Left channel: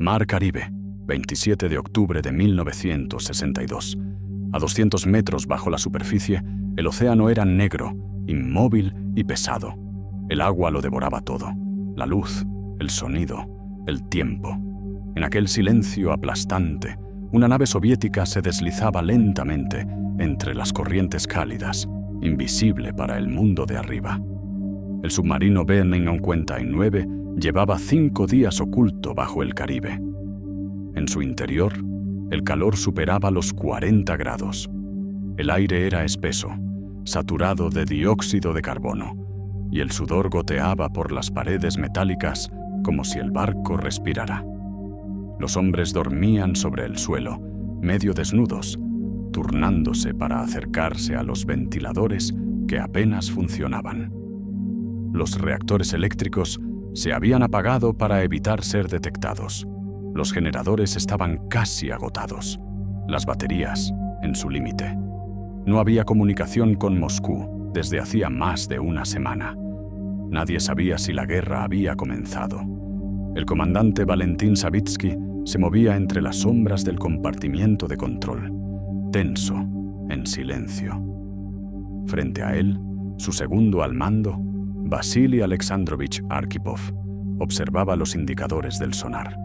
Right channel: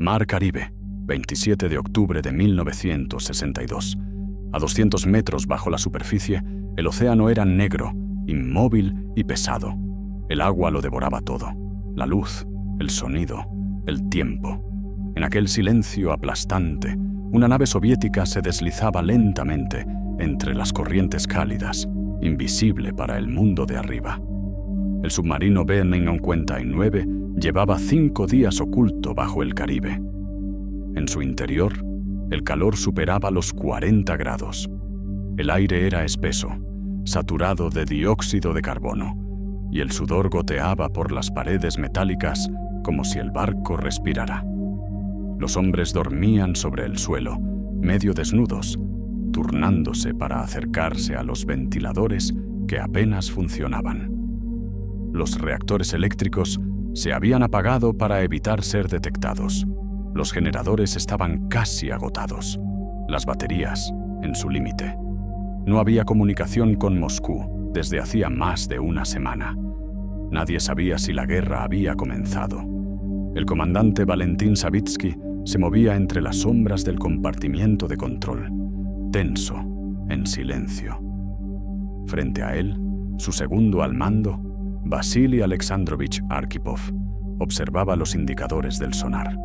Mar Caribe, 27 de octubre de 1962. A 200 metros bajo la superficie, el océano era negro, inmóvil y pesado. El agua lo devoraba todo: la luz, el sonido, el tiempo. En aquel silencio aplastante, una nave soviética se deslizaba lentamente entre las corrientes cálidas, invisible para el mundo de arriba. El submarino B-59 llevaba 5 días oculto bajo el Caribe. En su interior, el calor superaba los 40 grados. El aire era espeso, saturado de dióxido de carbono, y el sudor goteaba por las paredes metálicas como si el barco respirara. Los hombres dormían sobre el suelo, medio desnudos, turnándose para acercarse a los ventiladores que apenas funcionaban. Los reactores eléctricos se habían apagado para evitar ser detectados. Los generadores estaban casi agotados, las baterías en su límite. No había comunicación con Moscú desde hacía más de una semana. Nadie sabía si la guerra había comenzado. El comandante Valentín Savitsky se movía entre las sombras del compartimiento de control, tenso, en silencio. Frente a él, su segundo al mando, Vasily Alexandrovich Arkhipov, observaba los indicadores del sonar.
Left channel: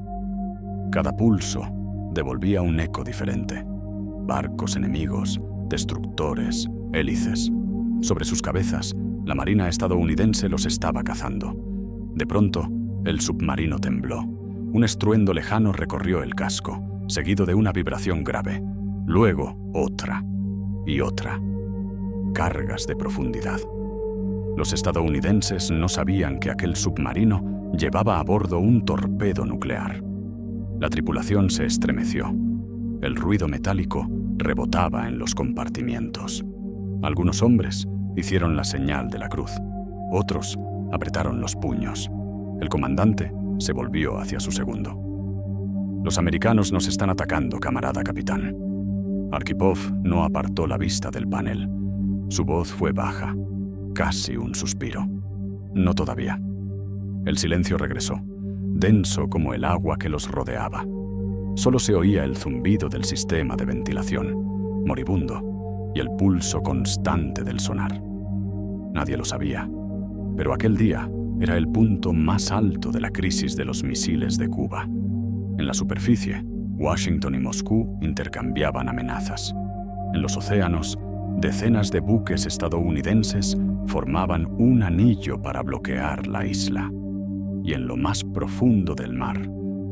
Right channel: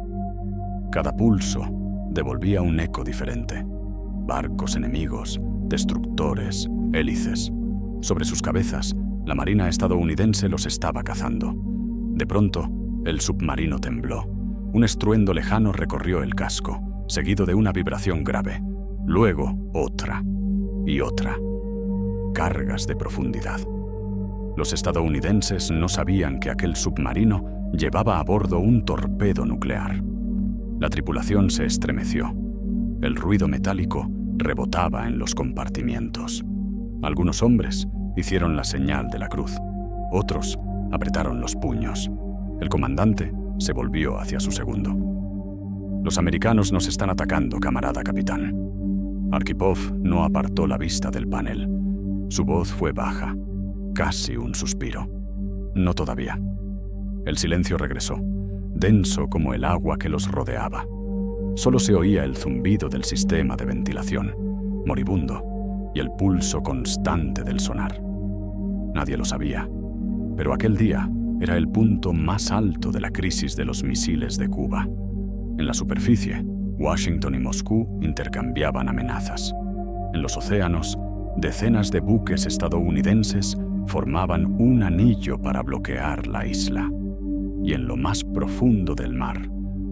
Cada pulso devolvía un eco diferente: barcos enemigos, destructores, hélices. Sobre sus cabezas, la marina estadounidense los estaba cazando. De pronto, el submarino tembló. Un estruendo lejano recorrió el casco, seguido de una vibración grave. Luego, otra y otra. Cargas de profundidad. Los estadounidenses no sabían que aquel submarino llevaba a bordo un torpedo nuclear. La tripulación se estremeció. El ruido metálico rebotaba en los compartimientos. Algunos hombres hicieron la señal de la cruz. Otros apretaron los puños. El comandante se volvió hacia su segundo. «Los americanos nos están atacando, camarada capitán». Arkhipov no apartó la vista del panel. Su voz fue baja, casi un suspiro. «No todavía». El silencio regresó, denso como el agua que los rodeaba. Solo se oía el zumbido del sistema de ventilación, moribundo, y el pulso constante del sonar. Nadie lo sabía, pero aquel día era el punto más alto de la crisis de los misiles de Cuba. En la superficie, Washington y Moscú intercambiaban amenazas. En los océanos, decenas de buques estadounidenses formaban un anillo para bloquear la isla. Y en lo más profundo del mar,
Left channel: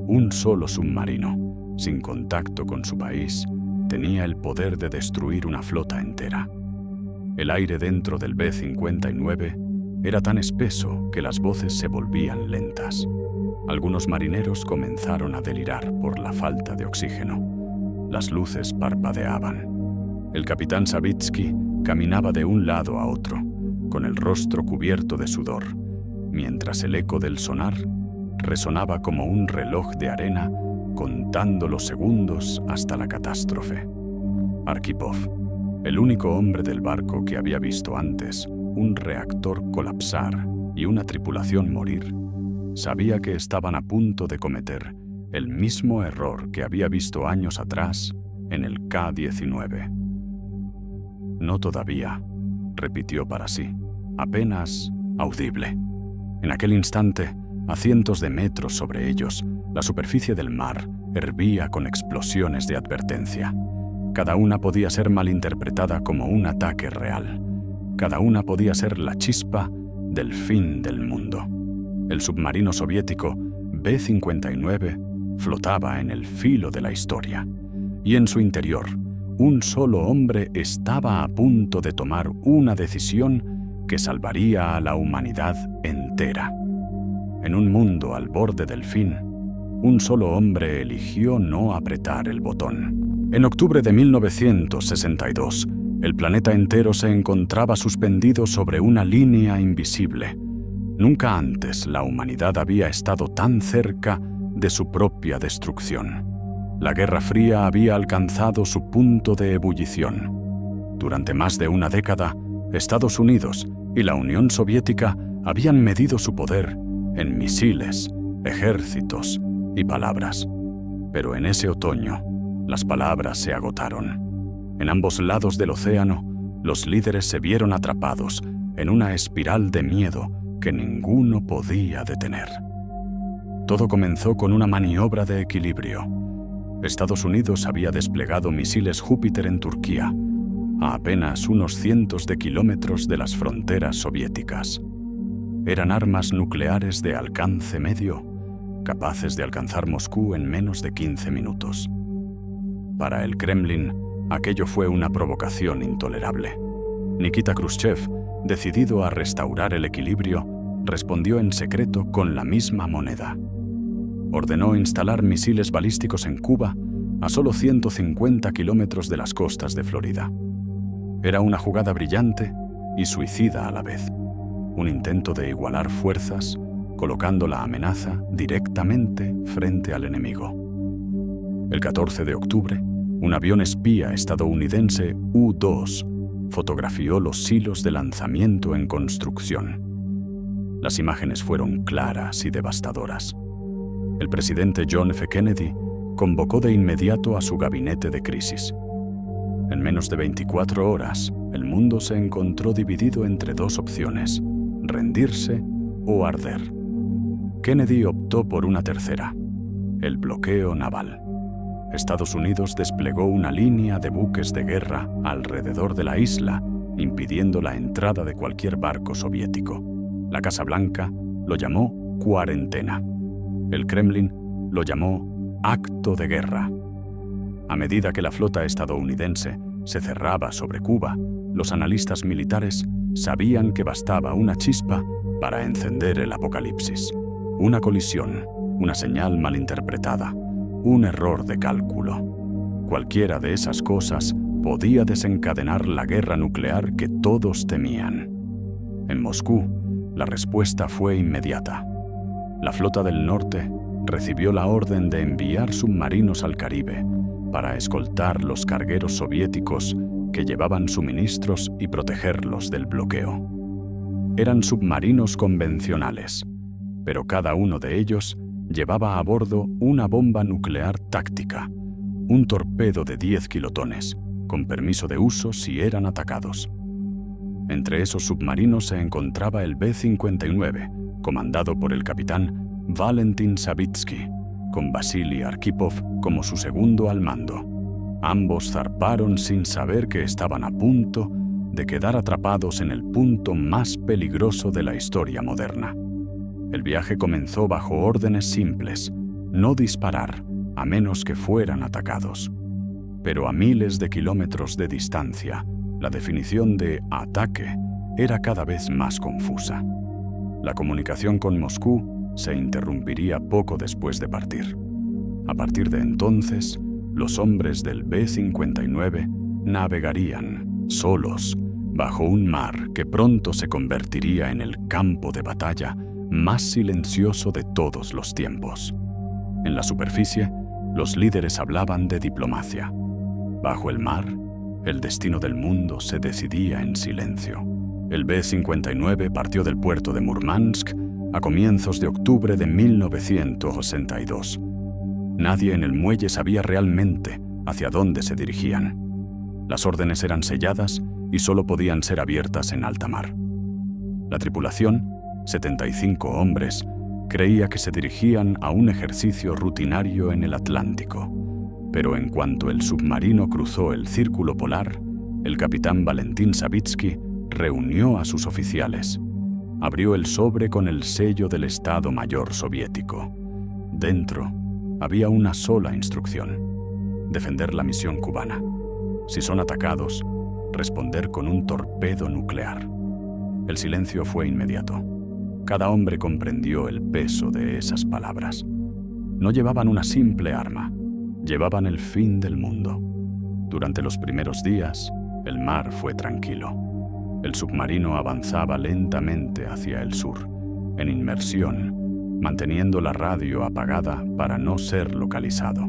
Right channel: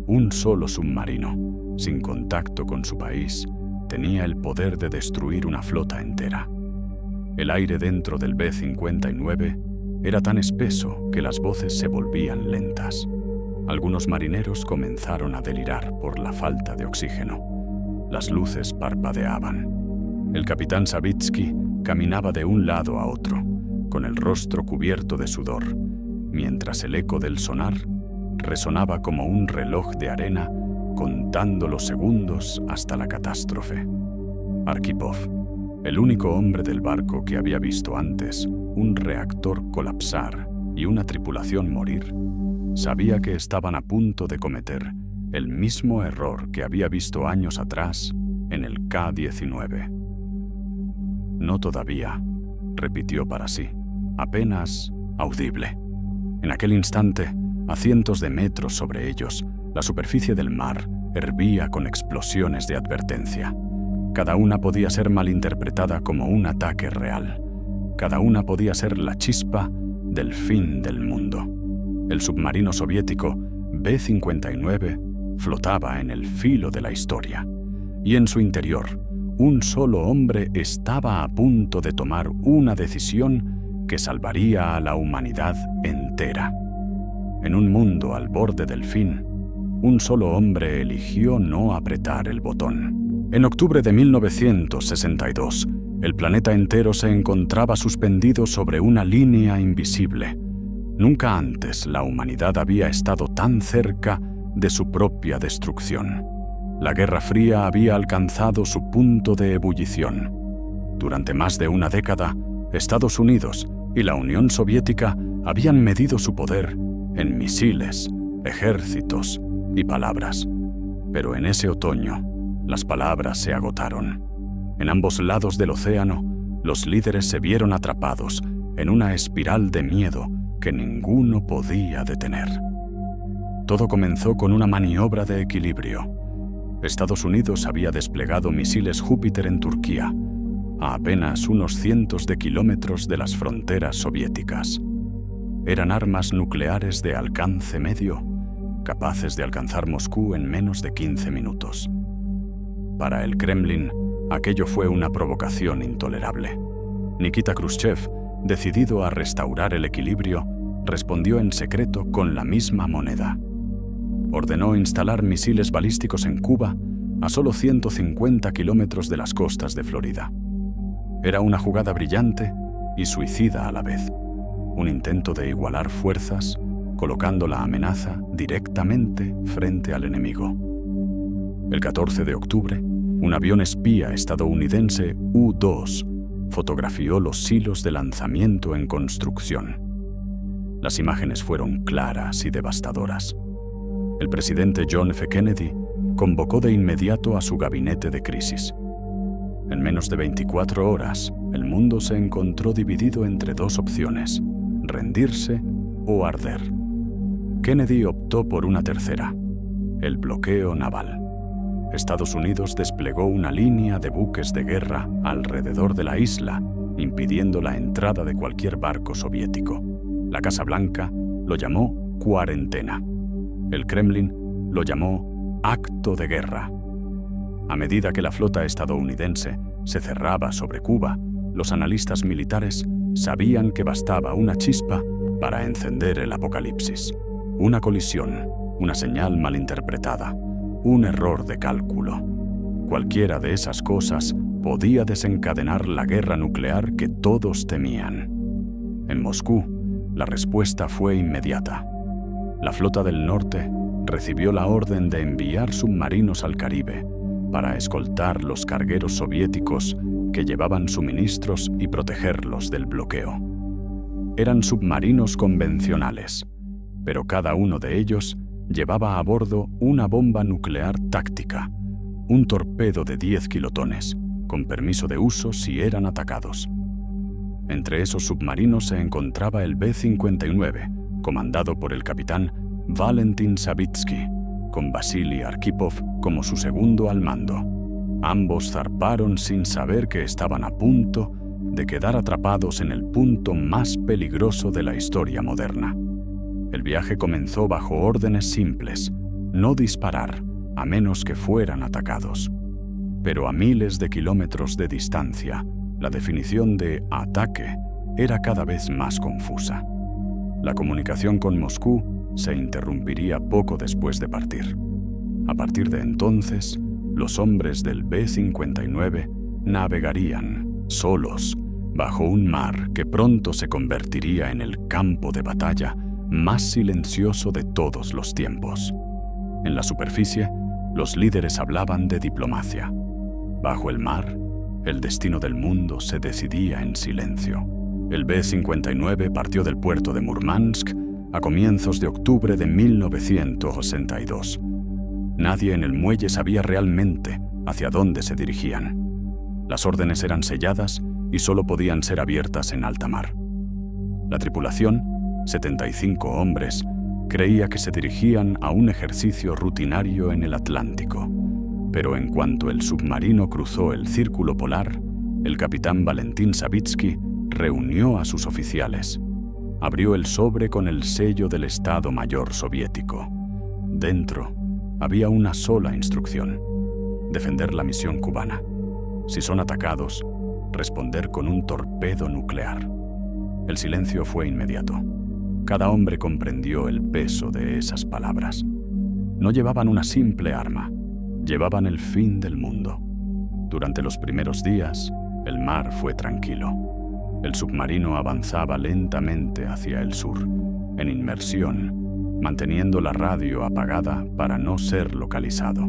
un solo submarino, sin contacto con su país, tenía el poder de destruir una flota entera. El aire dentro del B-59 era tan espeso que las voces se volvían lentas. Algunos marineros comenzaron a delirar por la falta de oxígeno. Las luces parpadeaban. El capitán Savitsky caminaba de un lado a otro, con el rostro cubierto de sudor, mientras el eco del sonar resonaba como un reloj de arena contando los segundos hasta la catástrofe. Arkhipov, el único hombre del barco que había visto antes un reactor colapsar y una tripulación morir, sabía que estaban a punto de cometer el mismo error que había visto años atrás en el K-19. «No todavía», repitió para sí, apenas audible. En aquel instante, a cientos de metros sobre ellos, la superficie del mar hervía con explosiones de advertencia. Cada una podía ser malinterpretada como un ataque real. Cada una podía ser la chispa del fin del mundo. El submarino soviético B-59 flotaba en el filo de la historia, y en su interior, un solo hombre estaba a punto de tomar una decisión que salvaría a la humanidad entera. En un mundo al borde del fin, un solo hombre eligió no apretar el botón. En octubre de 1962, el planeta entero se encontraba suspendido sobre una línea invisible. Nunca antes la humanidad había estado tan cerca de su propia destrucción. La Guerra Fría había alcanzado su punto de ebullición. Durante más de una década, Estados Unidos y la Unión Soviética habían medido su poder en misiles, ejércitos, y palabras. Pero en ese otoño, las palabras se agotaron. En ambos lados del océano, los líderes se vieron atrapados en una espiral de miedo que ninguno podía detener. Todo comenzó con una maniobra de equilibrio. Estados Unidos había desplegado misiles Júpiter en Turquía, a apenas unos cientos de kilómetros de las fronteras soviéticas. Eran armas nucleares de alcance medio, capaces de alcanzar Moscú en menos de 15 minutos. Para el Kremlin, aquello fue una provocación intolerable. Nikita Khrushchev, decidido a restaurar el equilibrio, respondió en secreto con la misma moneda. Ordenó instalar misiles balísticos en Cuba, a solo 150 kilómetros de las costas de Florida. Era una jugada brillante y suicida a la vez. Un intento de igualar fuerzas, colocando la amenaza directamente frente al enemigo. El 14 de octubre, un avión espía estadounidense U-2 fotografió los silos de lanzamiento en construcción. Las imágenes fueron claras y devastadoras. El presidente John F. Kennedy convocó de inmediato a su gabinete de crisis. En menos de 24 horas, el mundo se encontró dividido entre dos opciones: rendirse o arder. Kennedy optó por una tercera: el bloqueo naval. Estados Unidos desplegó una línea de buques de guerra alrededor de la isla, impidiendo la entrada de cualquier barco soviético. La Casa Blanca lo llamó cuarentena. El Kremlin lo llamó acto de guerra. A medida que la flota estadounidense se cerraba sobre Cuba, los analistas militares sabían que bastaba una chispa para encender el apocalipsis. Una colisión, una señal malinterpretada, un error de cálculo. Cualquiera de esas cosas podía desencadenar la guerra nuclear que todos temían. En Moscú, la respuesta fue inmediata. La flota del norte recibió la orden de enviar submarinos al Caribe para escoltar los cargueros soviéticos que llevaban suministros y protegerlos del bloqueo. Eran submarinos convencionales, pero cada uno de ellos llevaba a bordo una bomba nuclear táctica, un torpedo de 10 kilotones, con permiso de uso si eran atacados. Entre esos submarinos se encontraba el B-59, comandado por el capitán Valentin Savitsky, con Vasily Arkhipov como su segundo al mando. Ambos zarparon sin saber que estaban a punto de quedar atrapados en el punto más peligroso de la historia moderna. El viaje comenzó bajo órdenes simples: no disparar, a menos que fueran atacados. Pero a miles de kilómetros de distancia, la definición de ataque era cada vez más confusa. La comunicación con Moscú se interrumpiría poco después de partir. A partir de entonces, los hombres del B-59 navegarían, solos, bajo un mar que pronto se convertiría en el campo de batalla más silencioso de todos los tiempos. En la superficie, los líderes hablaban de diplomacia. Bajo el mar, el destino del mundo se decidía en silencio. El B-59 partió del puerto de Murmansk a comienzos de octubre de 1962. Nadie en el muelle sabía realmente hacia dónde se dirigían. Las órdenes eran selladas y solo podían ser abiertas en alta mar. La tripulación, 75 hombres, creía que se dirigían a un ejercicio rutinario en el Atlántico. Pero en cuanto el submarino cruzó el círculo polar, el capitán Valentin Savitsky reunió a sus oficiales. Abrió el sobre con el sello del Estado Mayor soviético. Dentro había una sola instrucción: defender la misión cubana. Si son atacados, responder con un torpedo nuclear. El silencio fue inmediato. Cada hombre comprendió el peso de esas palabras. No llevaban una simple arma, llevaban el fin del mundo. Durante los primeros días, el mar fue tranquilo. El submarino avanzaba lentamente hacia el sur, en inmersión, manteniendo la radio apagada para no ser localizado.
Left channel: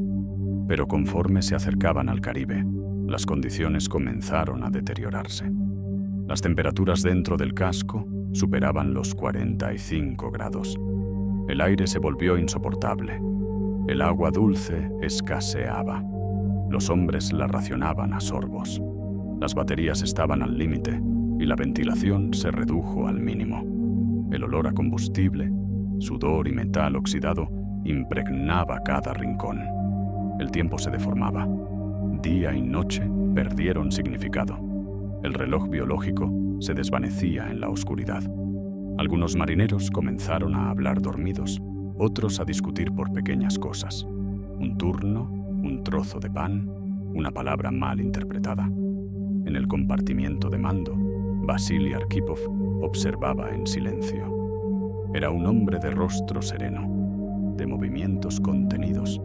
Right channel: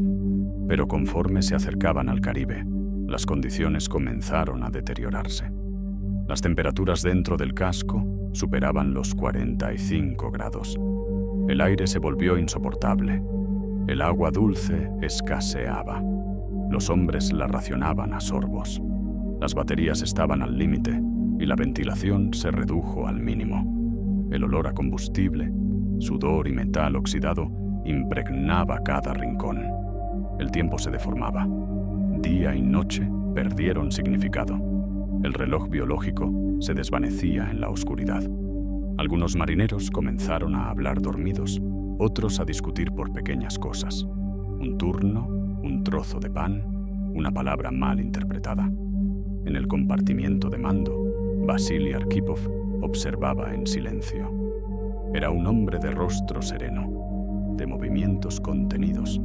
Pero conforme se acercaban al Caribe, las condiciones comenzaron a deteriorarse. Las temperaturas dentro del casco superaban los 45 grados. El aire se volvió insoportable. El agua dulce escaseaba. Los hombres la racionaban a sorbos. Las baterías estaban al límite y la ventilación se redujo al mínimo. El olor a combustible, sudor y metal oxidado impregnaba cada rincón. El tiempo se deformaba. Día y noche perdieron significado. El reloj biológico se desvanecía en la oscuridad. Algunos marineros comenzaron a hablar dormidos, otros a discutir por pequeñas cosas. Un turno, un trozo de pan, una palabra mal interpretada. En el compartimiento de mando, Vasily Arkhipov observaba en silencio. Era un hombre de rostro sereno, de movimientos contenidos,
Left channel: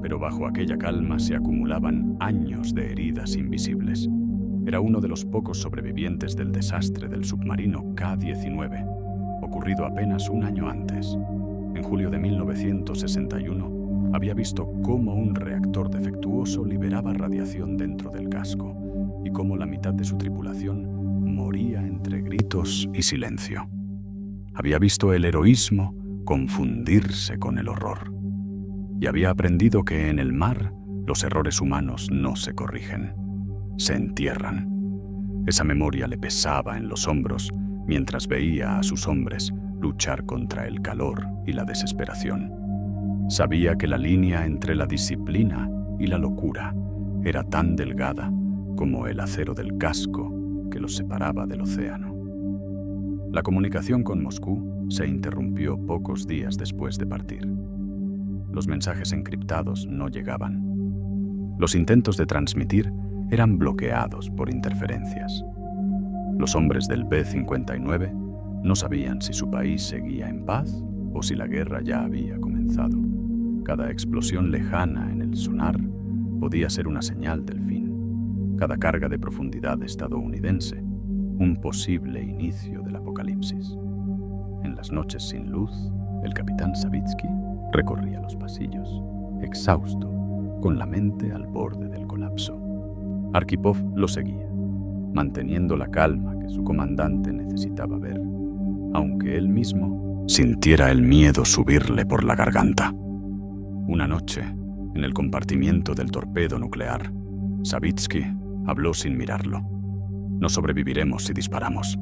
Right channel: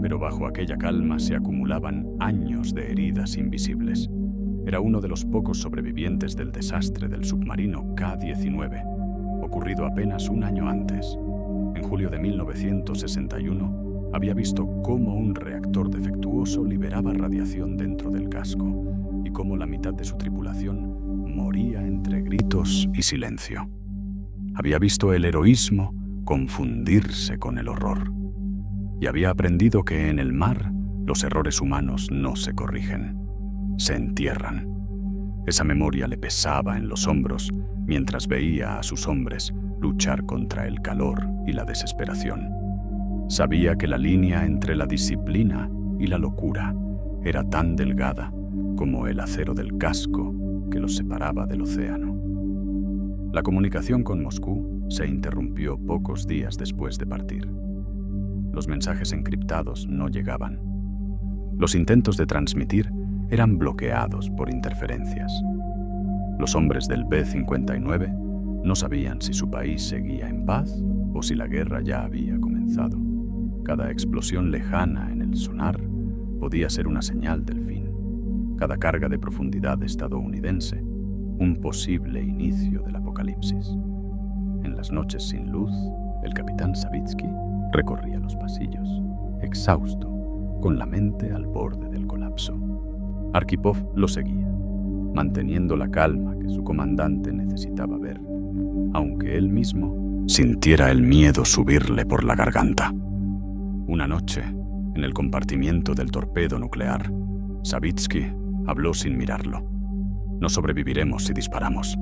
pero bajo aquella calma se acumulaban años de heridas invisibles. Era uno de los pocos sobrevivientes del desastre del submarino K-19, ocurrido apenas un año antes. En julio de 1961, había visto cómo un reactor defectuoso liberaba radiación dentro del casco y cómo la mitad de su tripulación moría entre gritos y silencio. Había visto el heroísmo confundirse con el horror. Y había aprendido que en el mar los errores humanos no se corrigen, se entierran. Esa memoria le pesaba en los hombros mientras veía a sus hombres luchar contra el calor y la desesperación. Sabía que la línea entre la disciplina y la locura era tan delgada como el acero del casco que los separaba del océano. La comunicación con Moscú se interrumpió pocos días después de partir. Los mensajes encriptados no llegaban. Los intentos de transmitir eran bloqueados por interferencias. Los hombres del B-59 no sabían si su país seguía en paz o si la guerra ya había comenzado. Cada explosión lejana en el sonar podía ser una señal del fin. Cada carga de profundidad estadounidense, un posible inicio del apocalipsis. En las noches sin luz, el capitán Savitsky recorría los pasillos, exhausto, con la mente al borde del colapso. Arkhipov lo seguía, manteniendo la calma que su comandante necesitaba ver, aunque él mismo sintiera el miedo subirle por la garganta. Una noche, en el compartimiento del torpedo nuclear, Savitsky habló sin mirarlo. «No sobreviviremos si disparamos».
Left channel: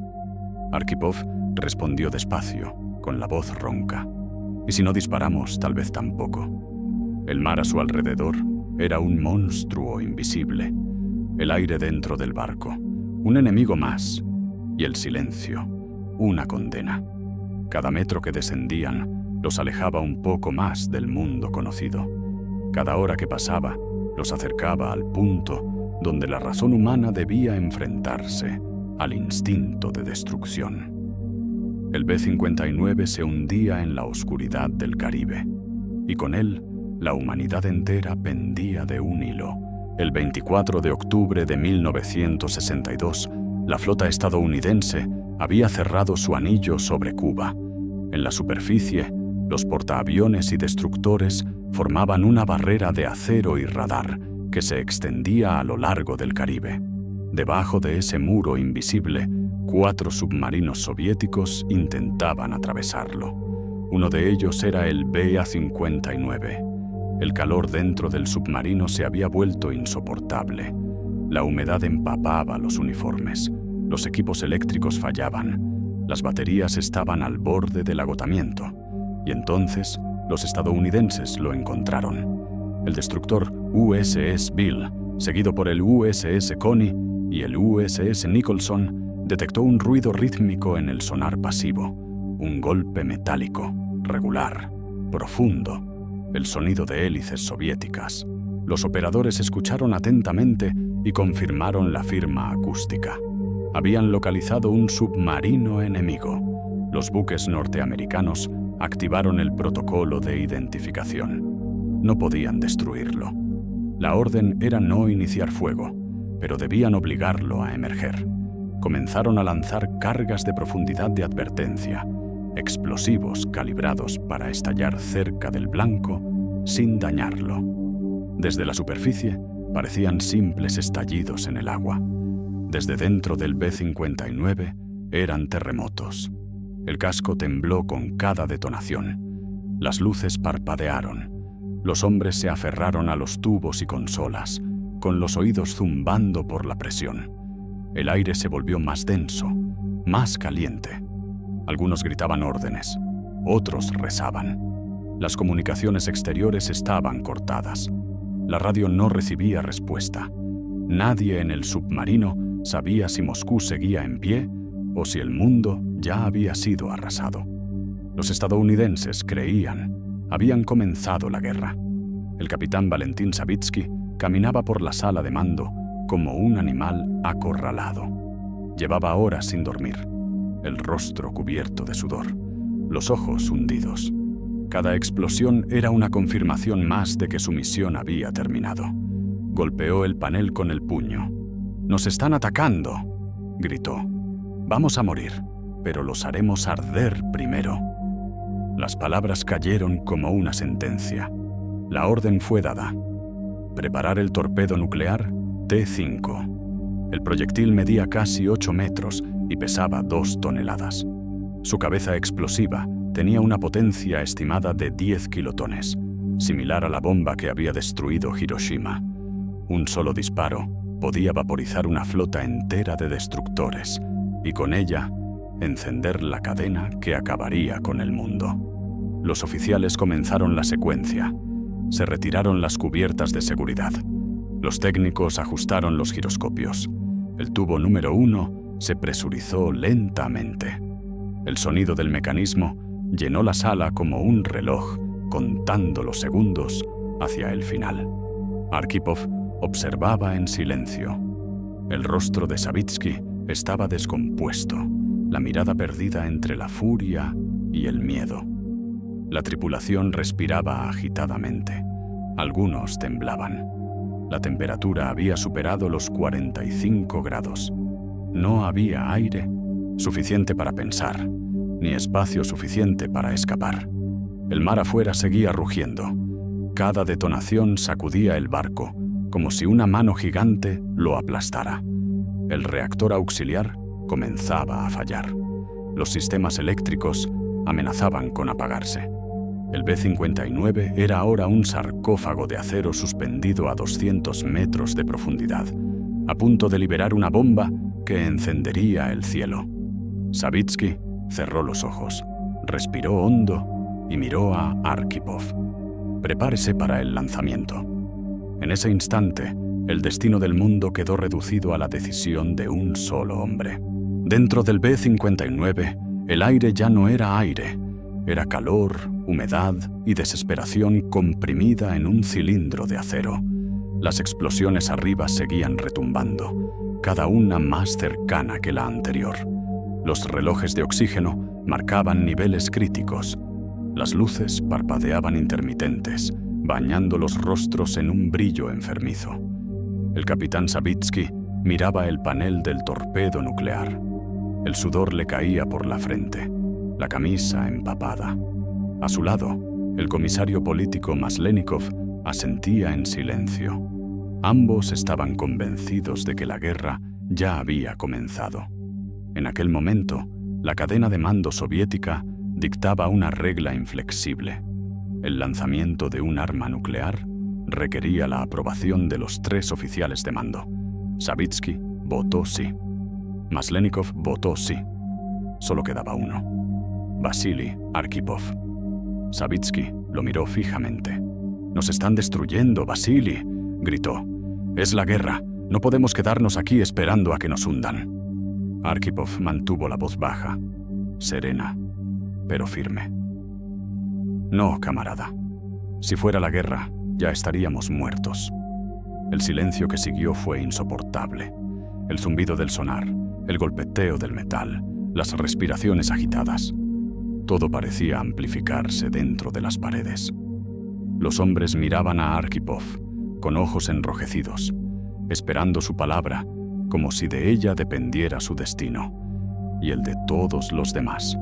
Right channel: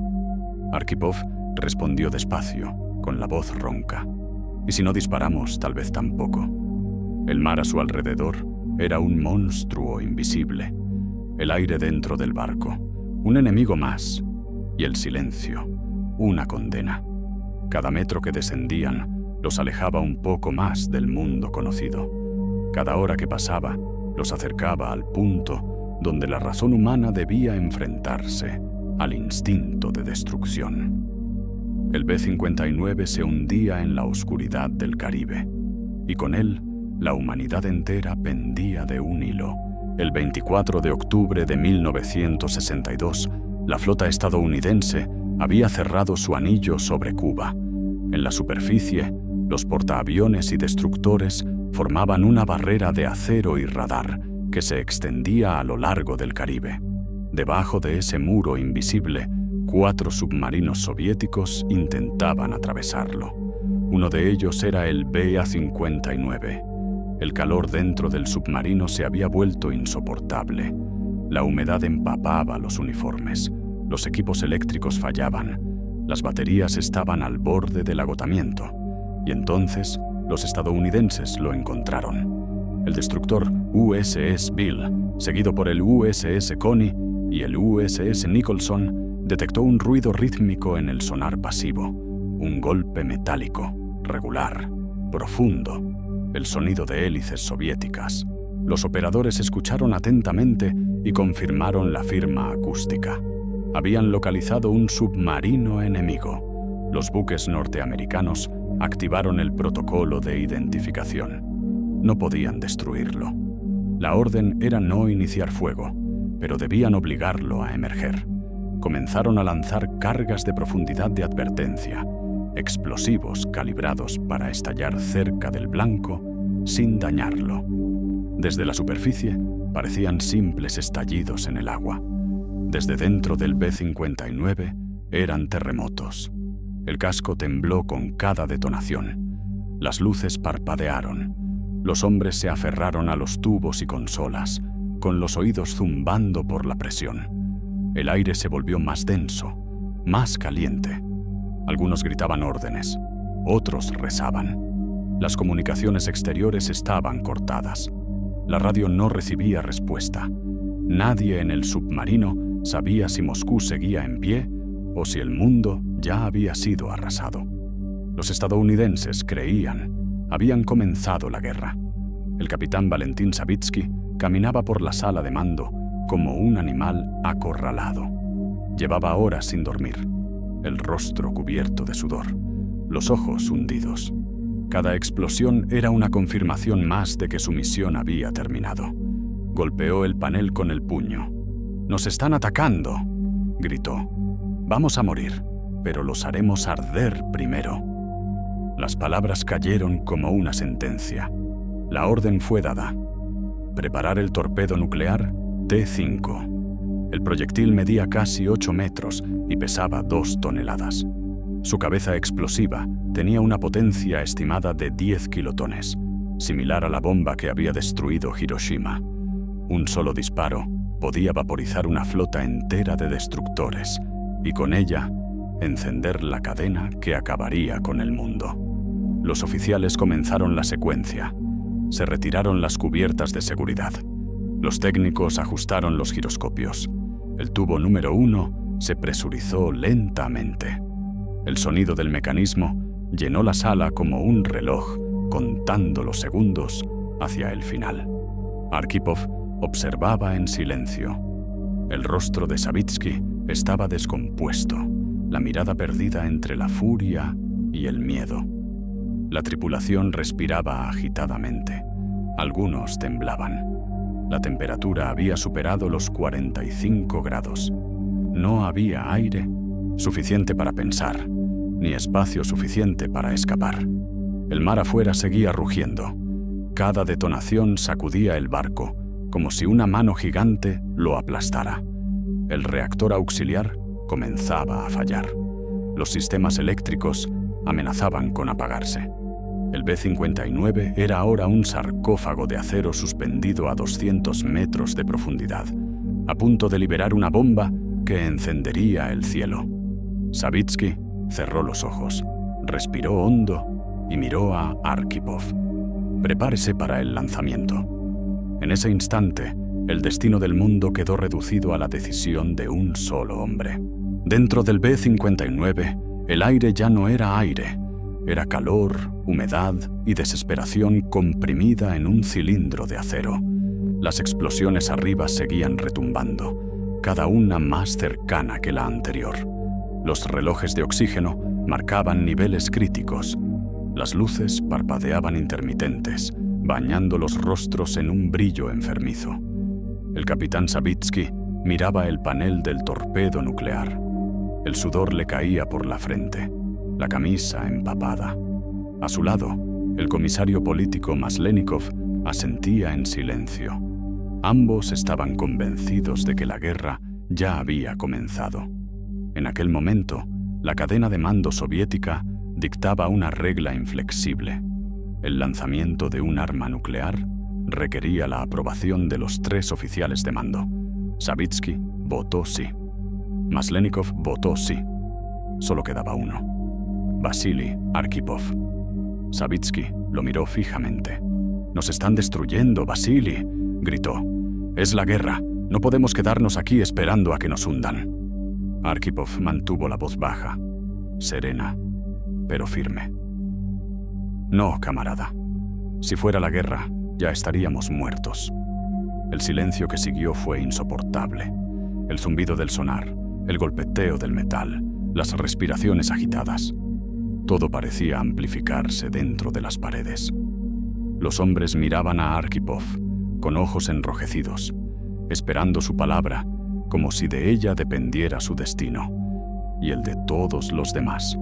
Arkhipov respondió despacio, con la voz ronca. «Y si no disparamos, tal vez tampoco». El mar a su alrededor era un monstruo invisible. El aire dentro del barco, un enemigo más. Y el silencio, una condena. Cada metro que descendían los alejaba un poco más del mundo conocido. Cada hora que pasaba los acercaba al punto donde la razón humana debía enfrentarse al instinto de destrucción. El B-59 se hundía en la oscuridad del Caribe, y con él la humanidad entera pendía de un hilo. El 24 de octubre de 1962, la flota estadounidense había cerrado su anillo sobre Cuba. En la superficie, los portaaviones y destructores formaban una barrera de acero y radar que se extendía a lo largo del Caribe. Debajo de ese muro invisible, 4 submarinos soviéticos intentaban atravesarlo. Uno de ellos era el BA-59. El calor dentro del submarino se había vuelto insoportable. La humedad empapaba los uniformes. Los equipos eléctricos fallaban. Las baterías estaban al borde del agotamiento. Y entonces, los estadounidenses lo encontraron. El destructor USS Bill, seguido por el USS Coney y el USS Nicholson, detectó un ruido rítmico en el sonar pasivo. Un golpe metálico, regular, profundo. El sonido de hélices soviéticas. Los operadores escucharon atentamente y confirmaron la firma acústica. Habían localizado un submarino enemigo. Los buques norteamericanos activaron el protocolo de identificación. No podían destruirlo. La orden era no iniciar fuego, pero debían obligarlo a emerger. Comenzaron a lanzar cargas de profundidad de advertencia, explosivos calibrados para estallar cerca del blanco sin dañarlo. Desde la superficie parecían simples estallidos en el agua. Desde dentro del B-59 eran terremotos. El casco tembló con cada detonación. Las luces parpadearon. Los hombres se aferraron a los tubos y consolas, con los oídos zumbando por la presión. El aire se volvió más denso, más caliente. Algunos gritaban órdenes, otros rezaban. Las comunicaciones exteriores estaban cortadas. La radio no recibía respuesta. Nadie en el submarino sabía si Moscú seguía en pie o si el mundo ya había sido arrasado. Los estadounidenses creían, habían comenzado la guerra. El capitán Valentín Savitsky caminaba por la sala de mando como un animal acorralado. Llevaba horas sin dormir, el rostro cubierto de sudor, los ojos hundidos. Cada explosión era una confirmación más de que su misión había terminado. Golpeó el panel con el puño. «¡Nos están atacando!», gritó. «Vamos a morir, pero los haremos arder primero». Las palabras cayeron como una sentencia. La orden fue dada. Preparar el torpedo nuclear T-5. El proyectil medía casi 8 metros y pesaba 2 toneladas. Su cabeza explosiva tenía una potencia estimada de 10 kilotones, similar a la bomba que había destruido Hiroshima. Un solo disparo podía vaporizar una flota entera de destructores y con ella encender la cadena que acabaría con el mundo. Los oficiales comenzaron la secuencia. Se retiraron las cubiertas de seguridad. Los técnicos ajustaron los giroscopios. El tubo número 1 se presurizó lentamente. El sonido del mecanismo llenó la sala como un reloj, contando los segundos hacia el final. Arkhipov observaba en silencio. El rostro de Savitsky estaba descompuesto, la mirada perdida entre la furia y el miedo. La tripulación respiraba agitadamente. Algunos temblaban. La temperatura había superado los 45 grados. No había aire suficiente para pensar, ni espacio suficiente para escapar. El mar afuera seguía rugiendo. Cada detonación sacudía el barco, como si una mano gigante lo aplastara. El reactor auxiliar comenzaba a fallar. Los sistemas eléctricos amenazaban con apagarse. El B-59 era ahora un sarcófago de acero suspendido a 200 metros de profundidad, a punto de liberar una bomba que encendería el cielo. Savitsky cerró los ojos, respiró hondo y miró a Arkhipov. «Prepárese para el lanzamiento». En ese instante, el destino del mundo quedó reducido a la decisión de un solo hombre. Dentro del B-59, el aire ya no era aire. Era calor, humedad y desesperación comprimida en un cilindro de acero. Las explosiones arriba seguían retumbando, cada una más cercana que la anterior. Los relojes de oxígeno marcaban niveles críticos. Las luces parpadeaban intermitentes, bañando los rostros en un brillo enfermizo. El capitán Savitsky miraba el panel del torpedo nuclear. El sudor le caía por la frente, la camisa empapada. A su lado, el comisario político Maslenikov asentía en silencio. Ambos estaban convencidos de que la guerra ya había comenzado. En aquel momento, la cadena de mando soviética dictaba una regla inflexible. El lanzamiento de un arma nuclear requería la aprobación de los 3 oficiales de mando. Savitsky votó sí. Maslenikov votó sí. Solo quedaba uno: Vasily Arkhipov. Savitsky lo miró fijamente. «Nos están destruyendo, Vasily», gritó. «Es la guerra. No podemos quedarnos aquí esperando a que nos hundan». Arkhipov mantuvo la voz baja, serena, pero firme. «No, camarada. Si fuera la guerra, ya estaríamos muertos». El silencio que siguió fue insoportable. El zumbido del sonar, el golpeteo del metal, las respiraciones agitadas. Todo parecía amplificarse dentro de las paredes. Los hombres miraban a Arkhipov con ojos enrojecidos, esperando su palabra, como si de ella dependiera su destino y el de todos los demás.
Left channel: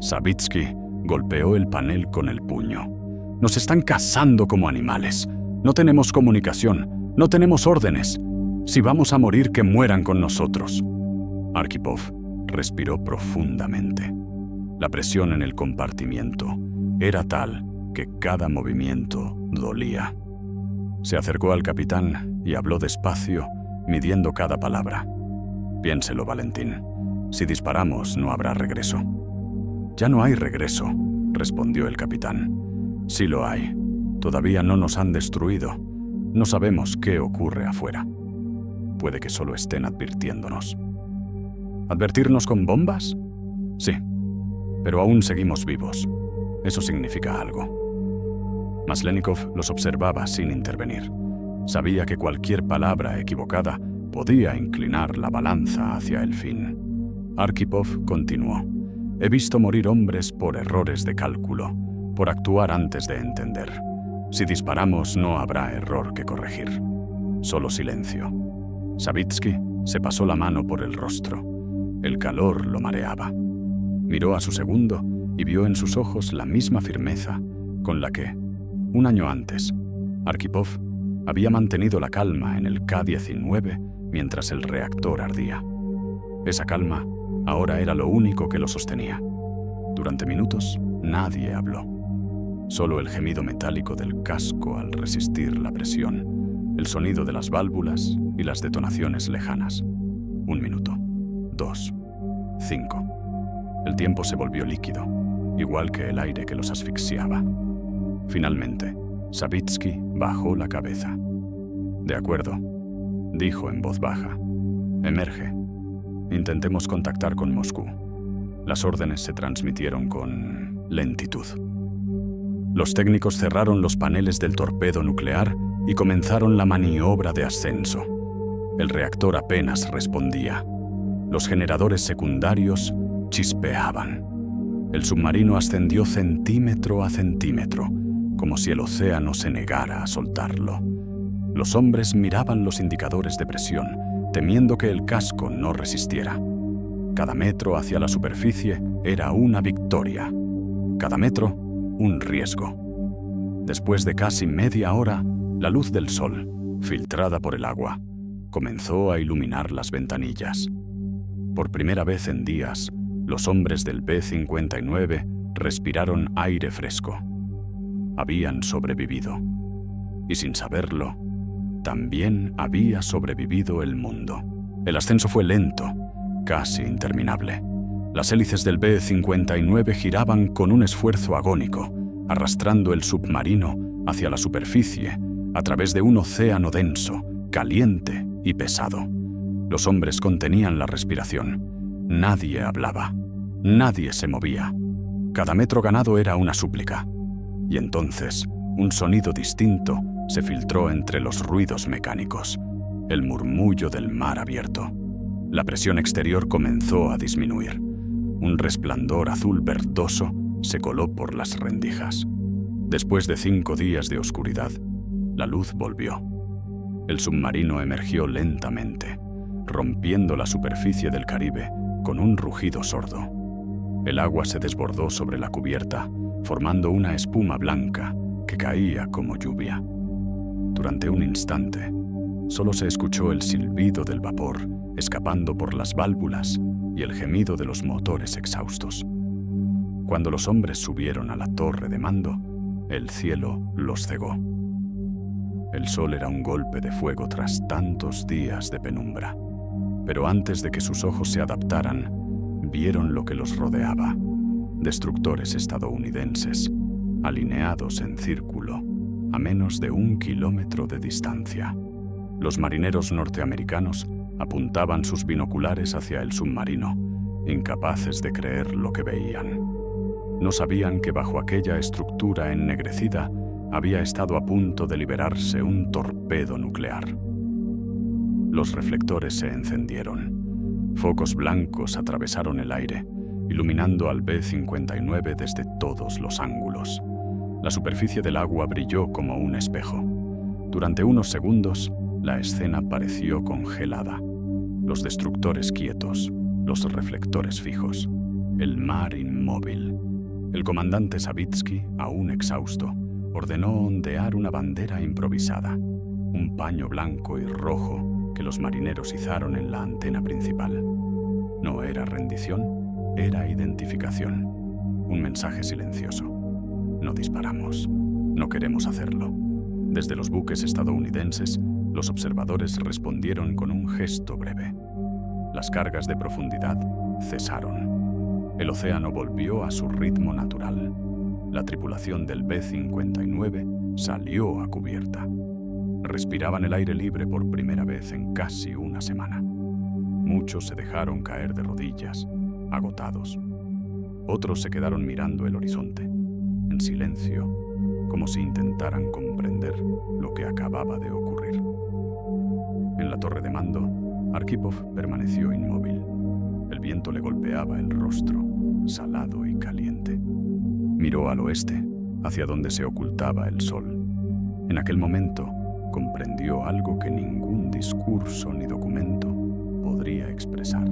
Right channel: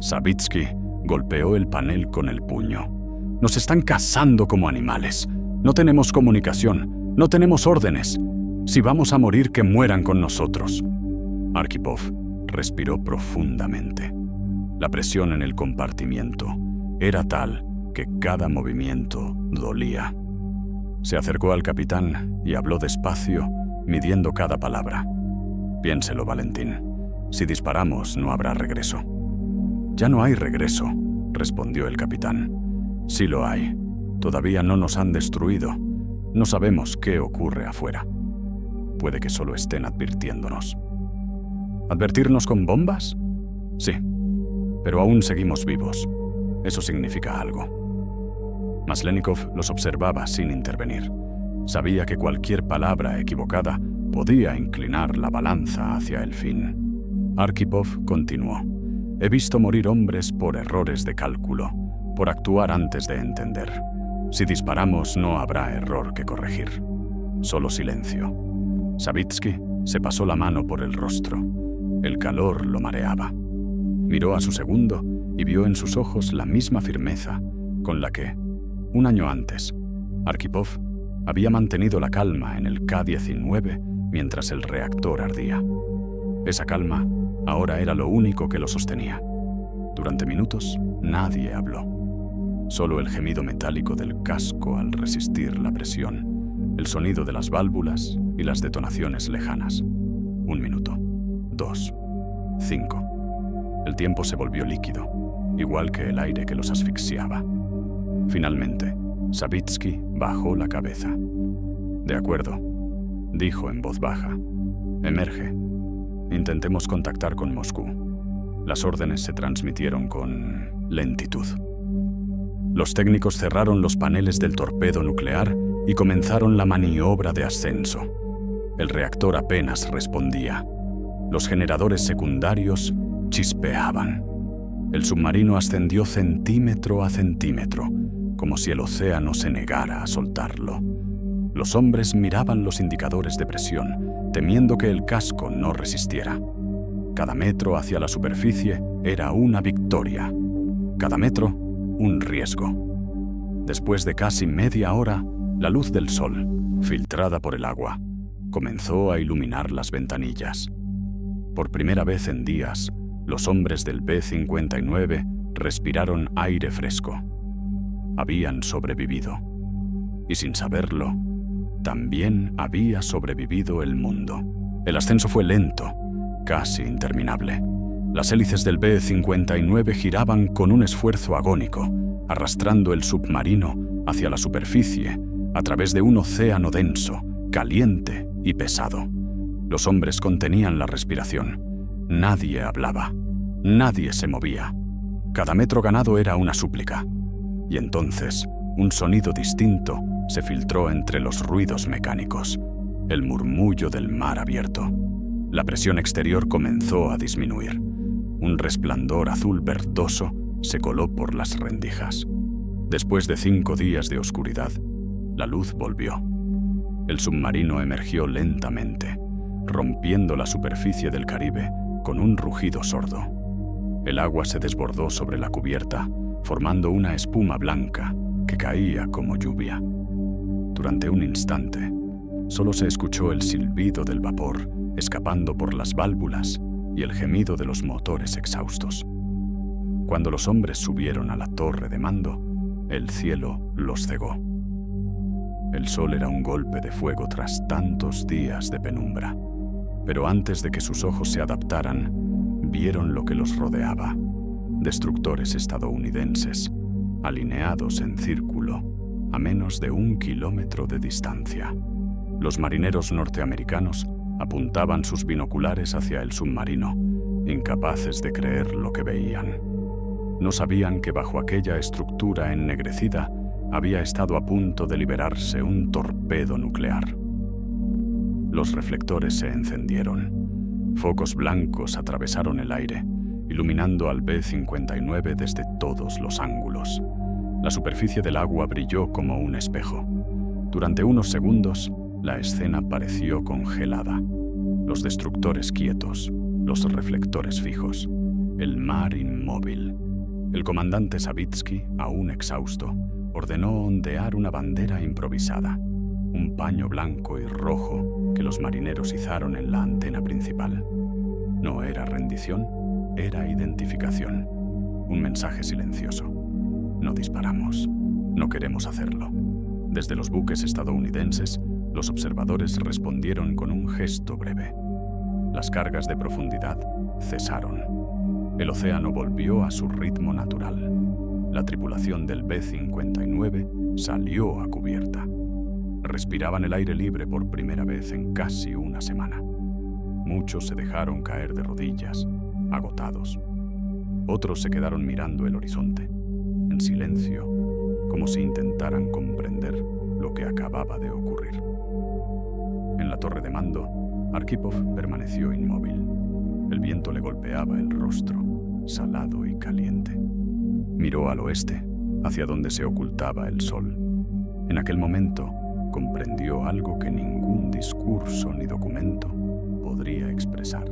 Savitsky golpeó el panel con el puño. «Nos están cazando como animales. No tenemos comunicación, no tenemos órdenes. Si vamos a morir, que mueran con nosotros». Arkhipov respiró profundamente. La presión en el compartimiento era tal que cada movimiento Dolía. Se acercó al capitán y habló despacio, midiendo cada palabra. Piénselo, Valentín. Si disparamos, no habrá regreso. Ya no hay regreso, respondió el capitán. Sí lo hay. Todavía no nos han destruido. No sabemos qué ocurre afuera. Puede que solo estén advirtiéndonos. ¿Advertirnos con bombas? Sí, pero aún seguimos vivos. Eso significa algo. Maslenikov los observaba sin intervenir. Sabía que cualquier palabra equivocada podía inclinar la balanza hacia el fin. Arkhipov continuó. He visto morir hombres por errores de cálculo, por actuar antes de entender. Si disparamos no habrá error que corregir. Solo silencio. Savitsky se pasó la mano por el rostro. El calor lo mareaba. Miró a su segundo y vio en sus ojos la misma firmeza con la que, un año antes, Arkhipov había mantenido la calma en el K-19 mientras el reactor ardía. Esa calma ahora era lo único que lo sostenía. Durante minutos nadie habló. Solo el gemido metálico del casco al resistir la presión, el sonido de las válvulas y las detonaciones lejanas. 1 minuto, 2, 5. El tiempo se volvió líquido, igual que el aire que los asfixiaba. Finalmente, Savitsky bajó la cabeza. De acuerdo, dijo en voz baja. Emerge. Intentemos contactar con Moscú. Las órdenes se transmitieron con lentitud. Los técnicos cerraron los paneles del torpedo nuclear y comenzaron la maniobra de ascenso. El reactor apenas respondía. Los generadores secundarios chispeaban. El submarino ascendió centímetro a centímetro, como si el océano se negara a soltarlo. Los hombres miraban los indicadores de presión, temiendo que el casco no resistiera. Cada metro hacia la superficie era una victoria. Cada metro, un riesgo. Después de casi media hora, la luz del sol, filtrada por el agua, comenzó a iluminar las ventanillas. Por primera vez en días, los hombres del B-59 respiraron aire fresco. Habían sobrevivido. Y sin saberlo, también había sobrevivido el mundo. El ascenso fue lento, casi interminable. Las hélices del B-59 giraban con un esfuerzo agónico, arrastrando el submarino hacia la superficie a través de un océano denso, caliente y pesado. Los hombres contenían la respiración. Nadie hablaba. Nadie se movía. Cada metro ganado era una súplica. Y entonces, un sonido distinto se filtró entre los ruidos mecánicos, el murmullo del mar abierto. La presión exterior comenzó a disminuir. Un resplandor azul verdoso se coló por las rendijas. Después de 5 días de oscuridad, la luz volvió. El submarino emergió lentamente, rompiendo la superficie del Caribe con un rugido sordo. El agua se desbordó sobre la cubierta, formando una espuma blanca que caía como lluvia. Durante un instante, solo se escuchó el silbido del vapor escapando por las válvulas y el gemido de los motores exhaustos. Cuando los hombres subieron a la torre de mando, el cielo los cegó. El sol era un golpe de fuego tras tantos días de penumbra, pero antes de que sus ojos se adaptaran, vieron lo que los rodeaba: destructores estadounidenses, alineados en círculo, a menos de 1 kilómetro de distancia. Los marineros norteamericanos apuntaban sus binoculares hacia el submarino, incapaces de creer lo que veían. No sabían que bajo aquella estructura ennegrecida había estado a punto de liberarse un torpedo nuclear. Los reflectores se encendieron. Focos blancos atravesaron el aire, iluminando al B-59 desde todos los ángulos. La superficie del agua brilló como un espejo. Durante unos segundos, la escena pareció congelada. Los destructores quietos, los reflectores fijos, el mar inmóvil. El comandante Savitsky, aún exhausto, ordenó ondear una bandera improvisada, un paño blanco y rojo que los marineros izaron en la antena principal. No era rendición, era identificación. Un mensaje silencioso. No disparamos. No queremos hacerlo. Desde los buques estadounidenses, los observadores respondieron con un gesto breve. Las cargas de profundidad cesaron. El océano volvió a su ritmo natural. La tripulación del B-59 salió a cubierta. Respiraban el aire libre por primera vez en casi una semana. Muchos se dejaron caer de rodillas, agotados. Otros se quedaron mirando el horizonte, en silencio, como si intentaran comprender lo que acababa de ocurrir. En la torre de mando, Arkhipov permaneció inmóvil. El viento le golpeaba el rostro, salado y caliente. Miró al oeste, hacia donde se ocultaba el sol. En aquel momento, comprendió algo que ningún discurso ni documento podría expresar.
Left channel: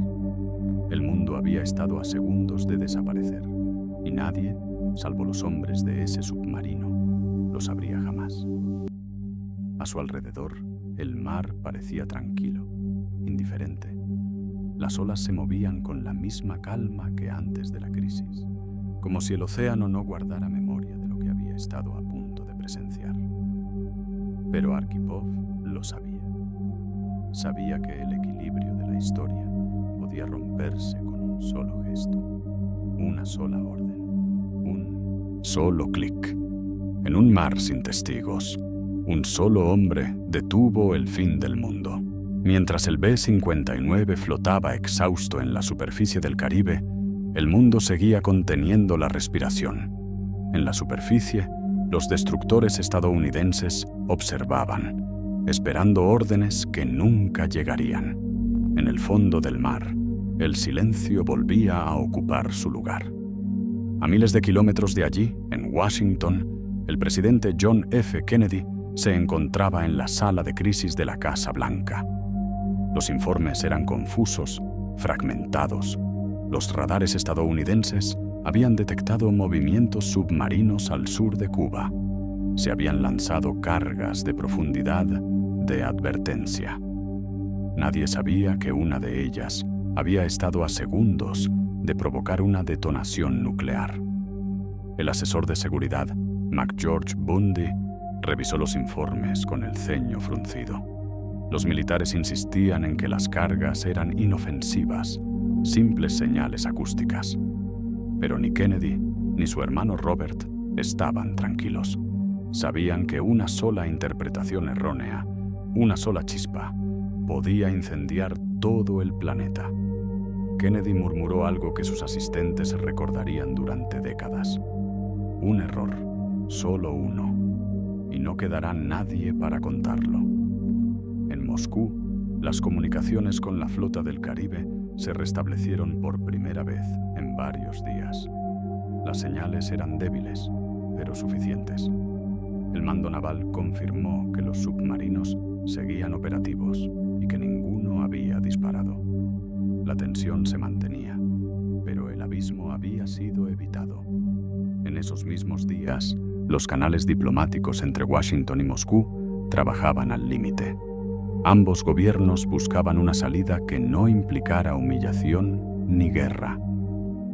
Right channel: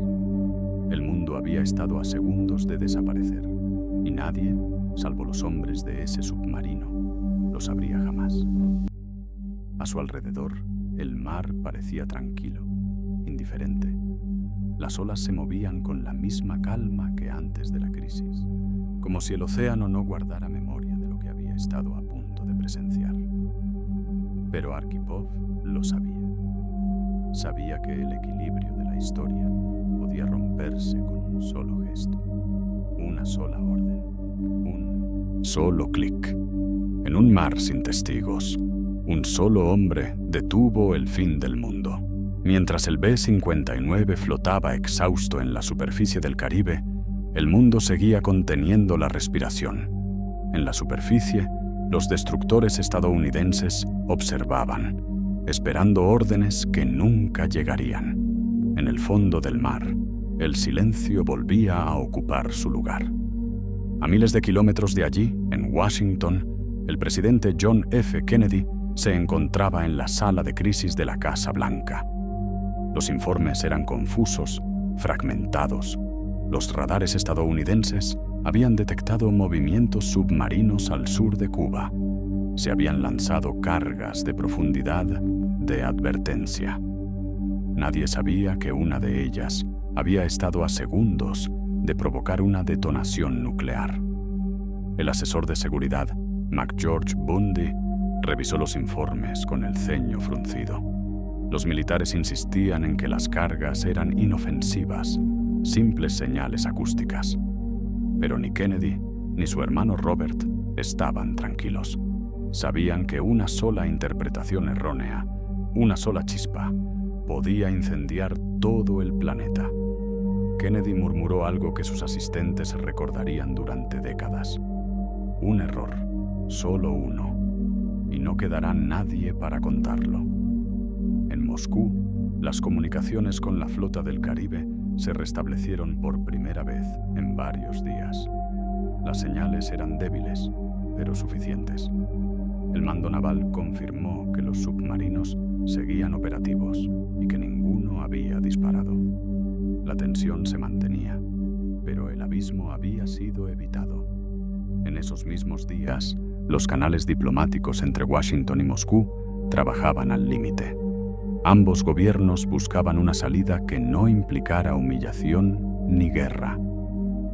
El mundo había estado a segundos de desaparecer, y nadie, salvo los hombres de ese submarino, lo sabría jamás. A su alrededor, el mar parecía tranquilo, indiferente. Las olas se movían con la misma calma que antes de la crisis, como si el océano no guardara memoria de lo que había estado a punto de presenciar. Pero Arkhipov lo sabía. Sabía que el equilibrio de la historia podía romperse con un solo gesto, una sola orden, un solo clic. En un mar sin testigos, un solo hombre detuvo el fin del mundo. Mientras el B-59 flotaba exhausto en la superficie del Caribe, el mundo seguía conteniendo la respiración. En la superficie, los destructores estadounidenses observaban, esperando órdenes que nunca llegarían. En el fondo del mar, el silencio volvía a ocupar su lugar. A miles de kilómetros de allí, en Washington, el presidente John F. Kennedy se encontraba en la sala de crisis de la Casa Blanca. Los informes eran confusos, fragmentados. Los radares estadounidenses habían detectado movimientos submarinos al sur de Cuba. Se habían lanzado cargas de profundidad de advertencia. Nadie sabía que una de ellas había estado a segundos de provocar una detonación nuclear. El asesor de seguridad, McGeorge Bundy, revisó los informes con el ceño fruncido. Los militares insistían en que las cargas eran inofensivas, simples señales acústicas. Pero ni Kennedy ni su hermano Robert estaban tranquilos. Sabían que una sola interpretación errónea, una sola chispa, podía incendiar todo el planeta. Kennedy murmuró algo que sus asistentes recordarían durante décadas. Un error, solo uno, y no quedará nadie para contarlo. En Moscú, las comunicaciones con la flota del Caribe se restablecieron por primera vez en varios días. Las señales eran débiles, pero suficientes. El mando naval confirmó que los submarinos seguían operativos y que ninguno había disparado. La tensión se mantenía, pero el abismo había sido evitado. En esos mismos días, los canales diplomáticos entre Washington y Moscú trabajaban al límite. Ambos gobiernos buscaban una salida que no implicara humillación ni guerra.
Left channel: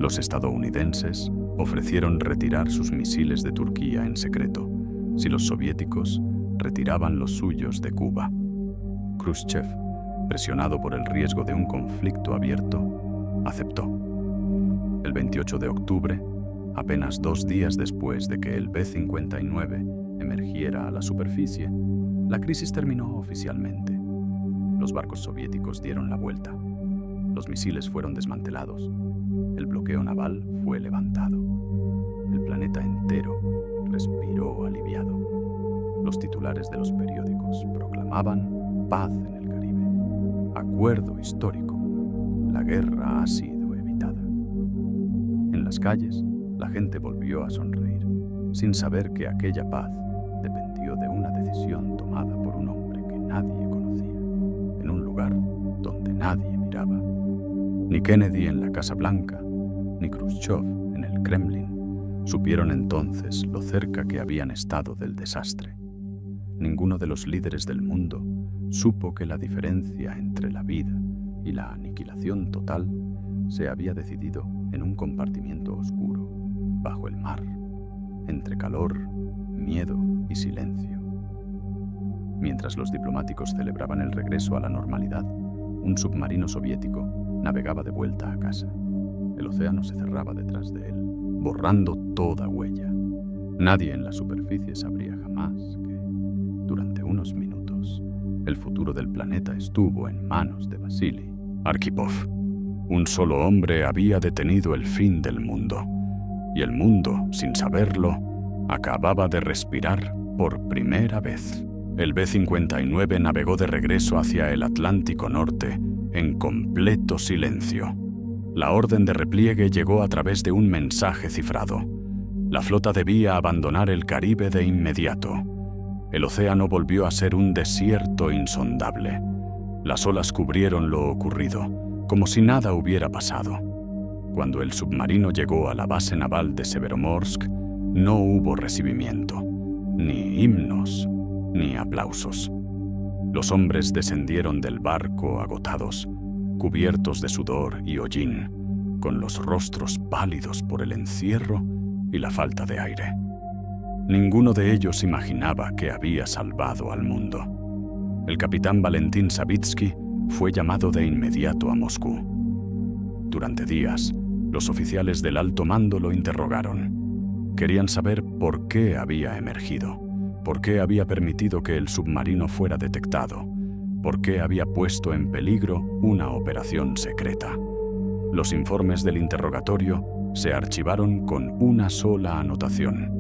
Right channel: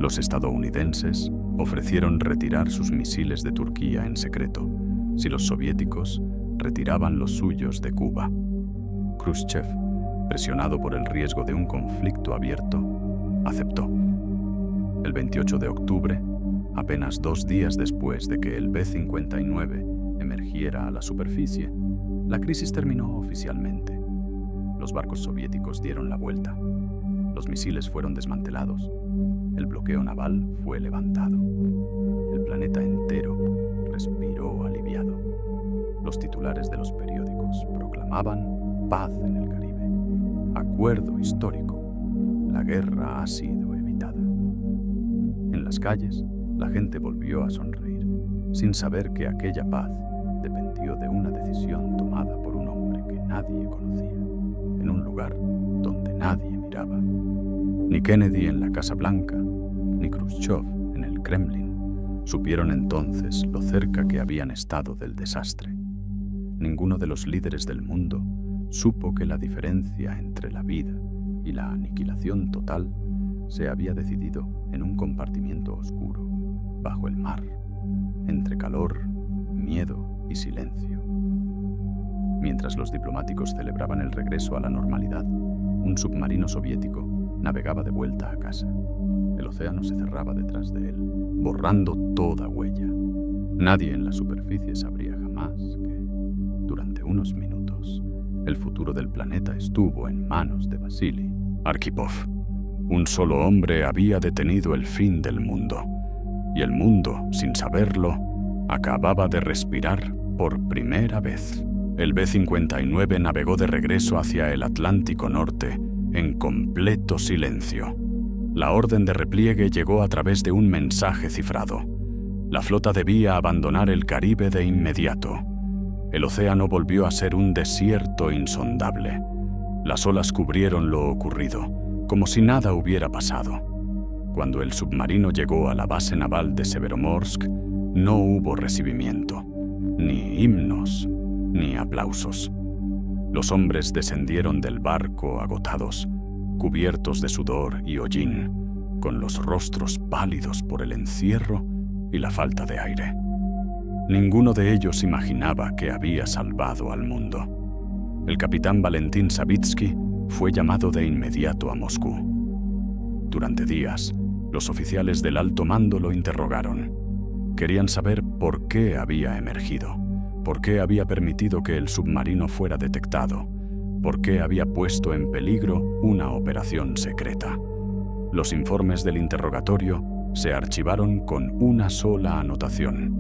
Los estadounidenses ofrecieron retirar sus misiles de Turquía en secreto, si los soviéticos retiraban los suyos de Cuba. Khrushchev, presionado por el riesgo de un conflicto abierto, aceptó. El 28 de octubre, apenas 2 días después de que el B-59 emergiera a la superficie, la crisis terminó oficialmente. Los barcos soviéticos dieron la vuelta. Los misiles fueron desmantelados. El bloqueo naval fue levantado. El planeta entero respiró aliviado. Los titulares de los periódicos proclamaban paz en el Caribe. Acuerdo histórico. La guerra ha sido evitada. En las calles, la gente volvió a sonreír, sin saber que aquella paz dependió de una decisión tomada por un hombre que nadie conocía, en un lugar donde nadie miraba. Ni Kennedy en la Casa Blanca, ni Khrushchev en el Kremlin supieron entonces lo cerca que habían estado del desastre. Ninguno de los líderes del mundo supo que la diferencia entre la vida y la aniquilación total se había decidido en un compartimiento oscuro, bajo el mar, entre calor, miedo y silencio. Mientras los diplomáticos celebraban el regreso a la normalidad, un submarino soviético navegaba de vuelta a casa. El océano se cerraba detrás de él, borrando toda huella. Nadie en la superficie sabría jamás que, durante unos minutos, el futuro del planeta estuvo en manos de Vasily Arkhipov. Un solo hombre había detenido el fin del mundo, y el mundo, sin saberlo, acababa de respirar por primera vez. El B-59 navegó de regreso hacia el Atlántico Norte en completo silencio. La orden de repliegue llegó a través de un mensaje cifrado. La flota debía abandonar el Caribe de inmediato. El océano volvió a ser un desierto insondable. Las olas cubrieron lo ocurrido, como si nada hubiera pasado. Cuando el submarino llegó a la base naval de Severomorsk, no hubo recibimiento, ni himnos, ni aplausos. Los hombres descendieron del barco agotados, cubiertos de sudor y hollín, con los rostros pálidos por el encierro y la falta de aire. Ninguno de ellos imaginaba que había salvado al mundo. El capitán Valentín Savitsky fue llamado de inmediato a Moscú. Durante días, los oficiales del alto mando lo interrogaron. Querían saber por qué había emergido, por qué había permitido que el submarino fuera detectado, por qué había puesto en peligro una operación secreta. Los informes del interrogatorio se archivaron con una sola anotación:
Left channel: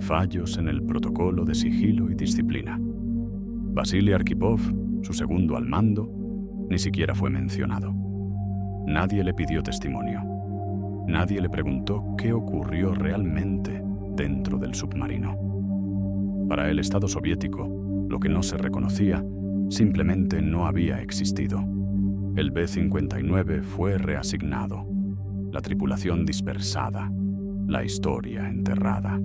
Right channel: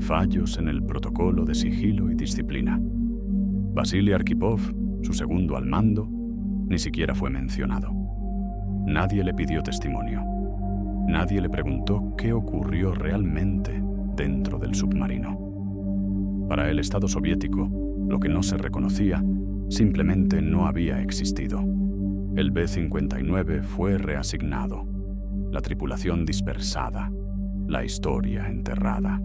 fallos en el protocolo de sigilo y disciplina. Vasily Arkhipov, su segundo al mando, ni siquiera fue mencionado. Nadie le pidió testimonio. Nadie le preguntó qué ocurrió realmente dentro del submarino. Para el Estado soviético, lo que no se reconocía simplemente no había existido. El B-59 fue reasignado, la tripulación dispersada, la historia enterrada.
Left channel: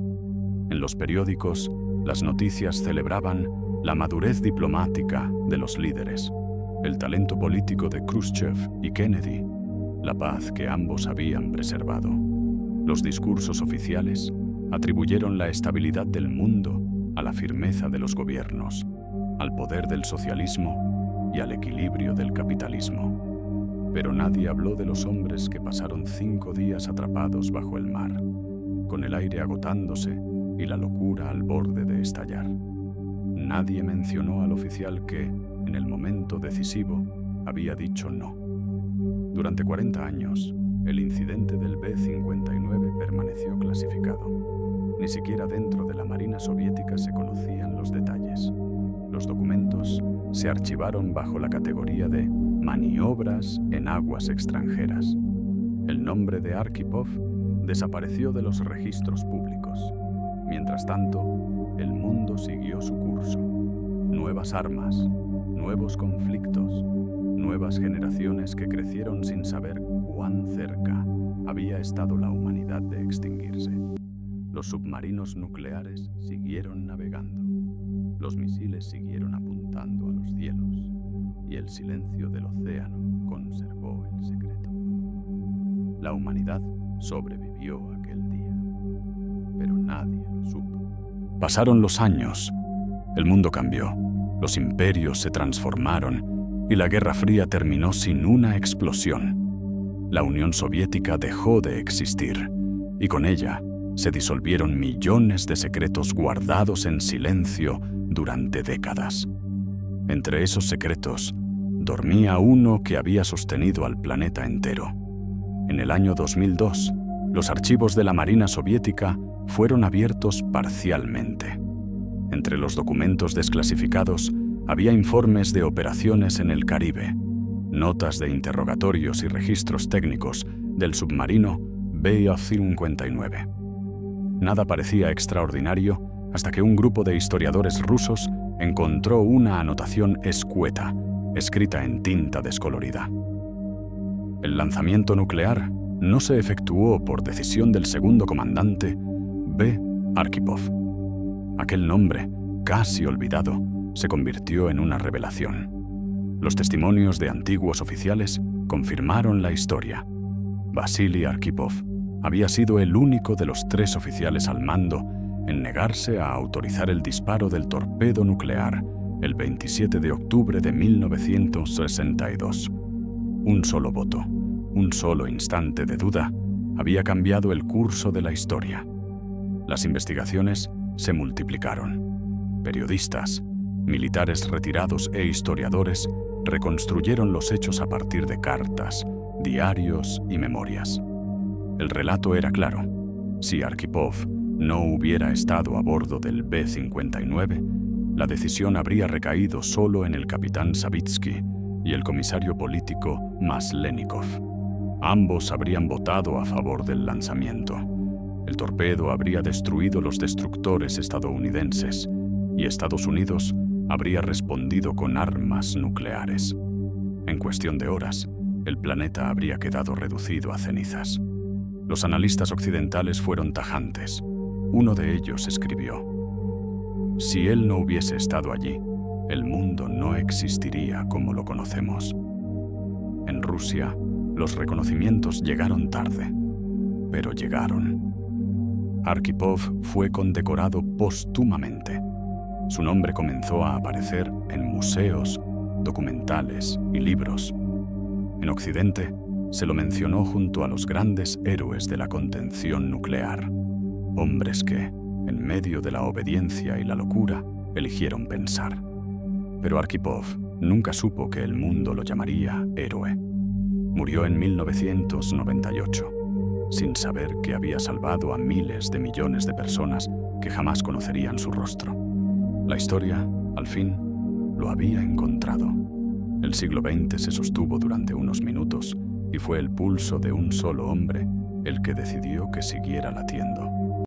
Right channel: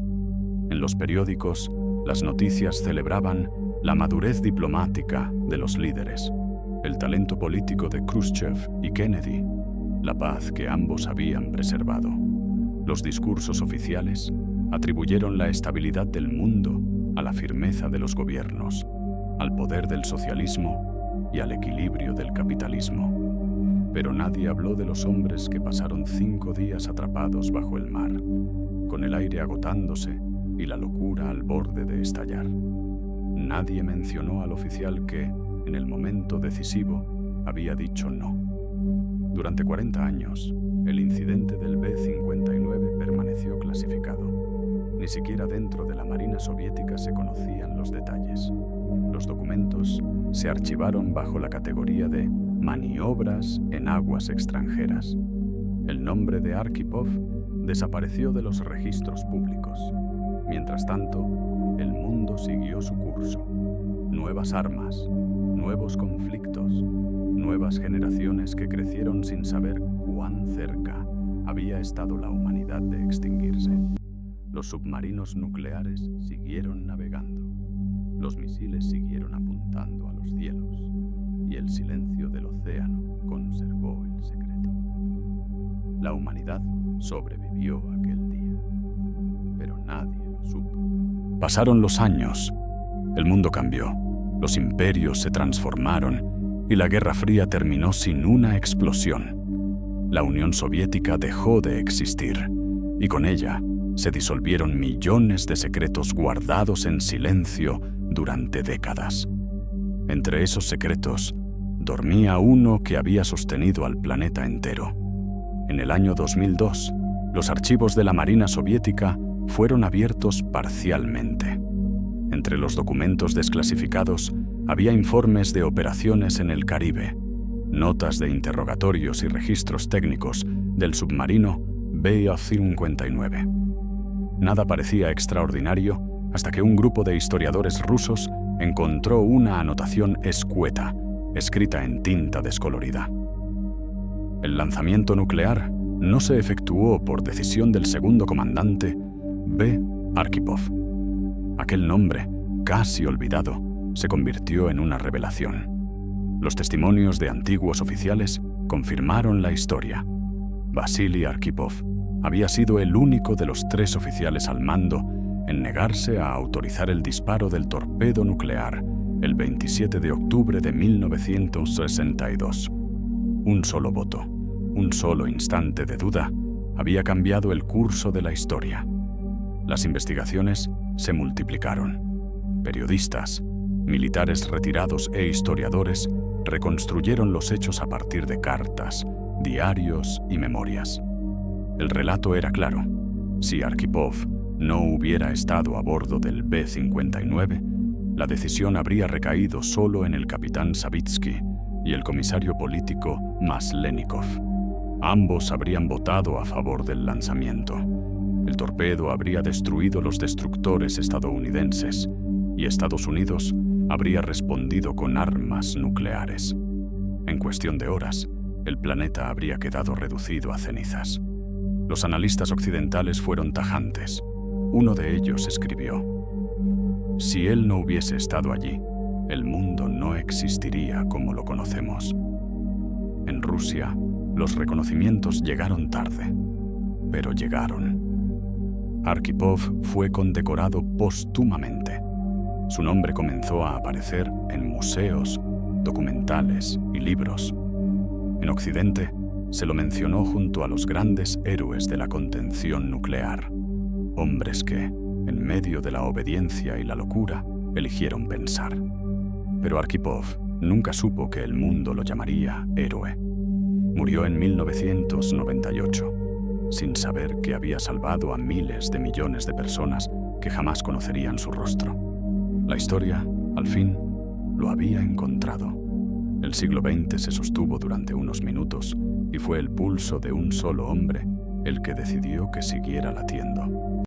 En los periódicos, las noticias celebraban la madurez diplomática de los líderes, el talento político de Khrushchev y Kennedy, la paz que ambos habían preservado. Los discursos oficiales atribuyeron la estabilidad del mundo a la firmeza de los gobiernos, al poder del socialismo y al equilibrio del capitalismo. Pero nadie habló de los hombres que pasaron 5 días atrapados bajo el mar, con el aire agotándose y la locura al borde de estallar. Nadie mencionó al oficial que, en el momento decisivo, había dicho no. Durante 40 años, el incidente del B-59 permaneció clasificado. Ni siquiera dentro de la Marina soviética se conocían los detalles. Los documentos se archivaron bajo la categoría de maniobras en aguas extranjeras. El nombre de Arkhipov desapareció de los registros públicos. Mientras tanto, el mundo siguió su curso. Nuevas armas, nuevos conflictos, nuevas generaciones que crecieron sin saber cuán cerca había estado la humanidad de extinguirse. Los submarinos nucleares siguieron navegando, los misiles siguieron apuntando a los cielos y el silencio del océano conservó el secreto. La humanidad sobrevivió aquel día, pero nadie lo supo. Pasaron los años, el mundo cambió, los imperios se transformaron y la Guerra Fría terminó sin una explosión. La Unión Soviética dejó de existir y con ella se disolvieron millones de secretos guardados en silencio durante décadas. Entre esos secretos, dormía uno que había sostenido al planeta entero. En el año 2002, los archivos de la Marina soviética fueron abiertos parcialmente. Entre los documentos desclasificados había informes de operaciones en el Caribe, notas de interrogatorios y registros técnicos del submarino B-59. Nada parecía extraordinario hasta que un grupo de historiadores rusos encontró una anotación escueta, escrita en tinta descolorida. El lanzamiento nuclear no se efectuó por decisión del segundo comandante B. Arkhipov. Aquel nombre, casi olvidado, se convirtió en una revelación. Los testimonios de antiguos oficiales confirmaron la historia. Vasily Arkhipov había sido el único de los 3 oficiales al mando en negarse a autorizar el disparo del torpedo nuclear el 27 de octubre de 1962. Un solo voto, un solo instante de duda, había cambiado el curso de la historia. Las investigaciones se multiplicaron. Periodistas, militares retirados e historiadores reconstruyeron los hechos a partir de cartas, diarios y memorias. El relato era claro. Si Arkhipov no hubiera estado a bordo del B-59, la decisión habría recaído solo en el capitán Savitsky y el comisario político Maslenikov. Ambos habrían votado a favor del lanzamiento. El torpedo habría destruido los destructores estadounidenses y Estados Unidos habría respondido con armas nucleares. En cuestión de horas, el planeta habría quedado reducido a cenizas. Los analistas occidentales fueron tajantes. Uno de ellos escribió: «Si él no hubiese estado allí, el mundo no existiría como lo conocemos». En Rusia, los reconocimientos llegaron tarde, pero llegaron. Arkhipov fue condecorado póstumamente. Su nombre comenzó a aparecer en museos, documentales y libros. En Occidente, se lo mencionó junto a los grandes héroes de la contención nuclear, hombres que, en medio de la obediencia y la locura, eligieron pensar. Pero Arkhipov nunca supo que el mundo lo llamaría héroe. Murió en 1998, sin saber que había salvado a miles de millones de personas que jamás conocerían su rostro. La historia, al fin, lo había encontrado. El siglo XX se sostuvo durante unos minutos y fue el pulso de un solo hombre el que decidió que siguiera latiendo.